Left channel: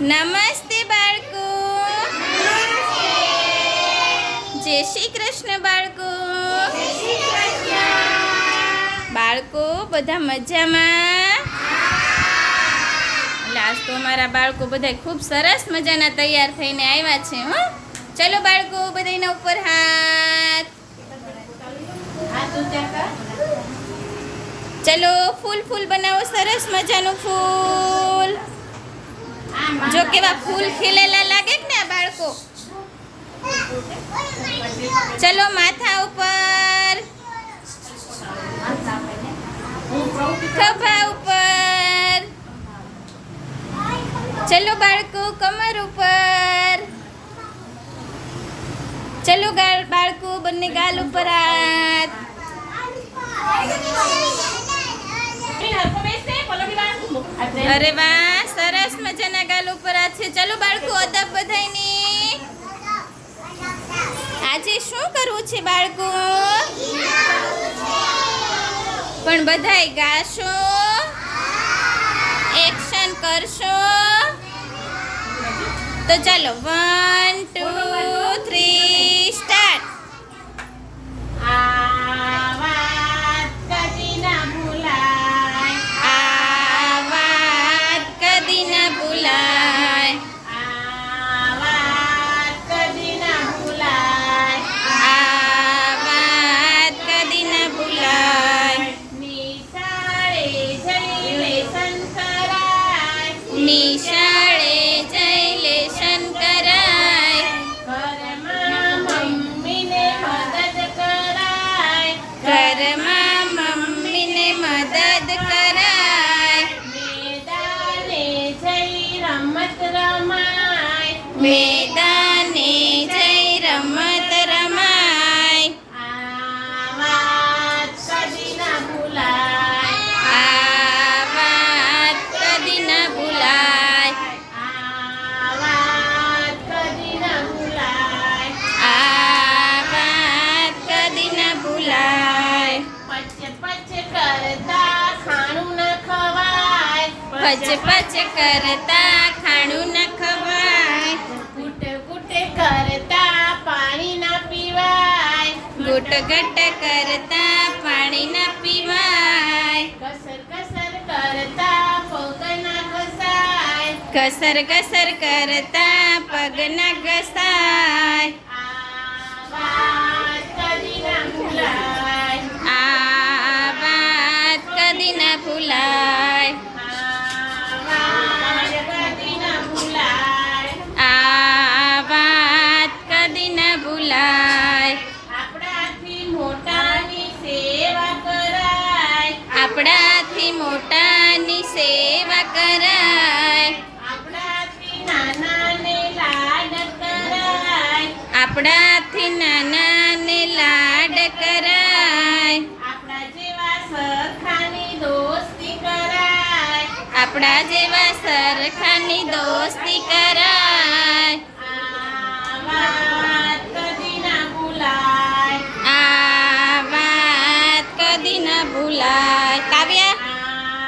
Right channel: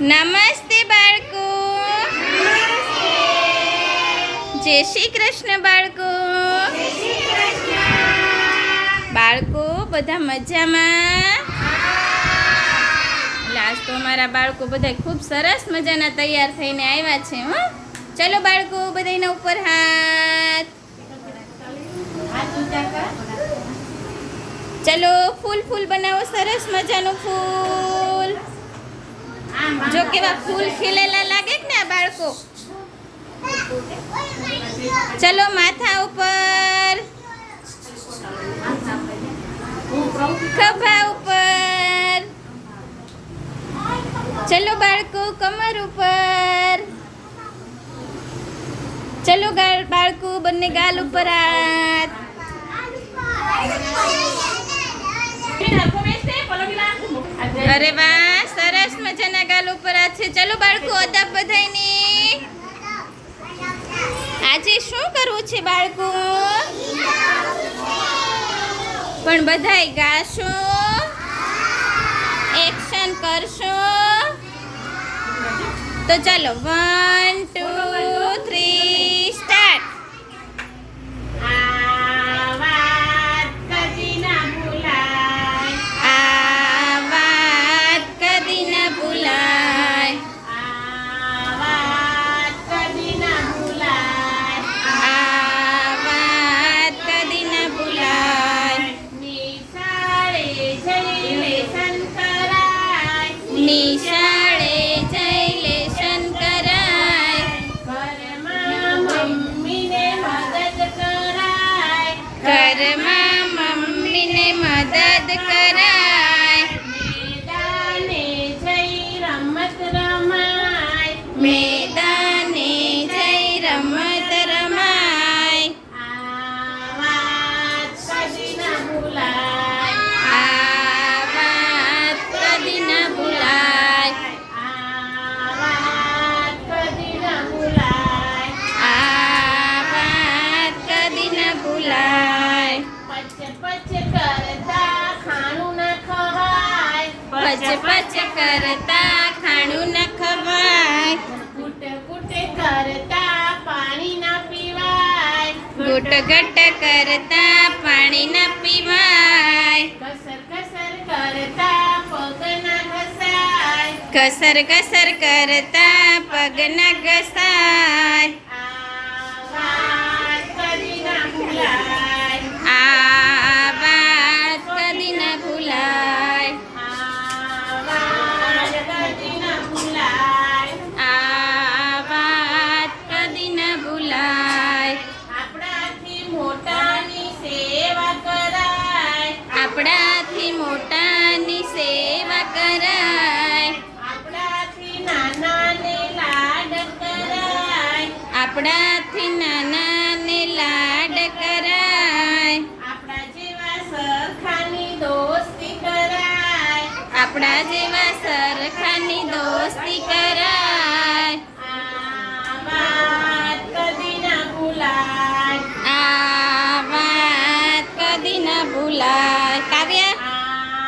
નમસ્તે બાળકો. જય શ્રી કૃષ્ણ બાળકો. બાળકો બધા મજામાં? આજ તો અમારા બાળકો બધા ખૂબ સરસ મજાના તૈયાર થઈને આવ્યા છે. હો, ચલો બાળકો, બધાના ઉપર હાથ. ચલો ફૂલ ફૂલ બનાવો, સરસ મજાનું ફૂલ. જો કેવા ફૂલ ખીલેલા લાગે ને આ બાળકો. ચલો માથા ઉપર, ખભા ઉપર. ચલો બાળકો કમર ઉપર. ચલો બાળકો બંને ગાલ ઉપર હાથ. અરે વાહ, સરસ મજાના ગાલ ઉપર હાથ છે. ચલો બાળકો અદબ બધાયની. આજે શું કરવું છે બાળકો? પણ બધાય ગાશો, એક્શન કરશો. તો ચાલો 1 2 3 સ્ટાર્ટ. નિશાળે જઈ લેશન કરાય, ઘરમાં મમ્મીને મદદ કરાય, મેદાને જઈ રમત રમાય, મેદાને જઈ રમત રમાય. આ વાત કદી ના ભૂલાય, આ વાત કદી ના ભૂલાય, આ વાત કદી ના ભૂલાય. પચ પચ કરતા ખાણું ન ખવાય, ગુટ ગુટ કરતા પાણી ના પીવાય, ગુટ ગુટ કરતા પાણી ના પીવાય. ઘસર ઘસર કરતા પગ ના ઘસાય, ઘસર ઘસર કરતા પગ ના ઘસાય. આ વાત કદી ના ભૂલાય, આ વાત કદી ના ભૂલાય, આ વાત કદી ના ભૂલાય. આપણાથી મોટાની સેવા કરાય, આપણાથી મોટાની સેવા કરાય, આપણાથી નાનાને લાડ કરાય, આપણાથી નાનાને લાડ કરાય. આપણા જેવા સરખાની દોસ્તી કરાય, આપણા જેવા સરખાની દોસ્તી કરાય. આ વાત કદી ના ભૂલાય, આ વાત કદી ના ભૂલાય. કાવ્યા,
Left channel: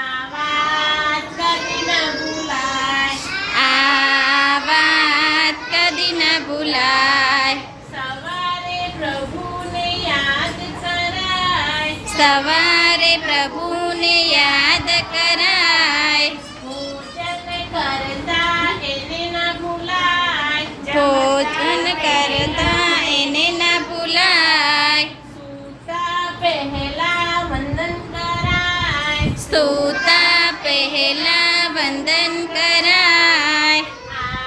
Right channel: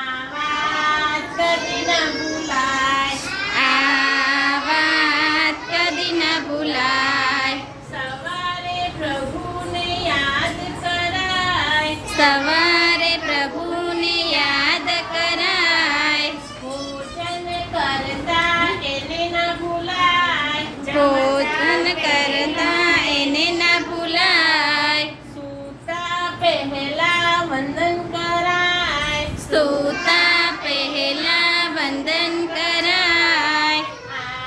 આ વાત કદી ના ભૂલાય, આ વાત કદી ના ભૂલાય. સવારે પ્રભુને યાદ કરાય, સવારે પ્રભુને યાદ કરાય, ભોજન કરતા એને ના ભૂલાય, ભોજન કરતા એને ના ભૂલાય. સૂતા પહેલા વંદન કરાય, સૂતા પહેલા વંદન કરાય. આ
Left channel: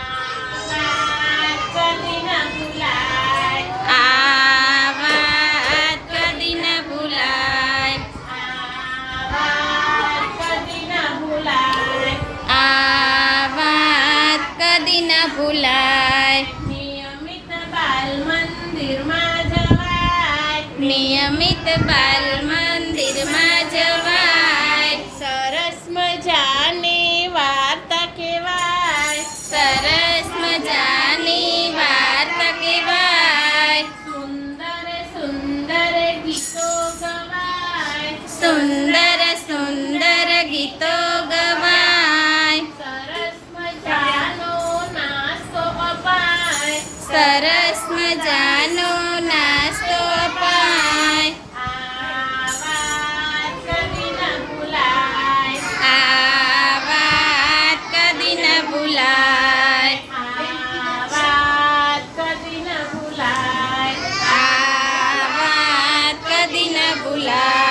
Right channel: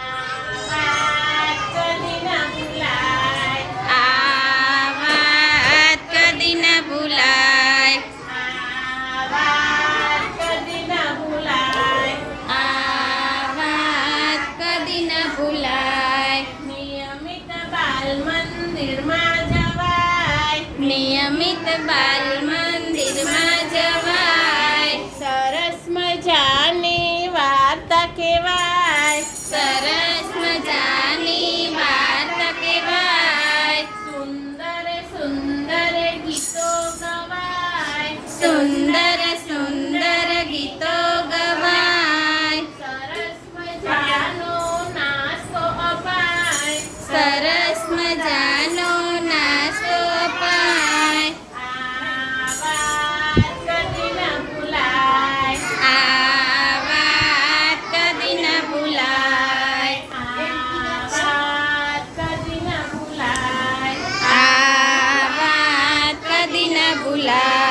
વાત કદી ના ભૂલાય, આ વાત કદી ના ભૂલાય, આ વાત કદી ના ભૂલાય, આ વાત કદી ના ભૂલાય. નિયમિત બાલ મંદિરમાં જવાય, નિયમિત બાલ મંદિરમાં જવાય. સરસ મજાની વાર્તા કહેવાય, સરસ મજાની વાર્તા કહેવાય. સુંદર સુંદર ગીતો ગવાય, સુંદર સુંદર ગીતો ગવાય. સરસ મજાનો સરસ મજાનો નાસ્તો પાય. આ વાત કદી ન ભૂલાય. આ વાત કદી ન ભૂલાય.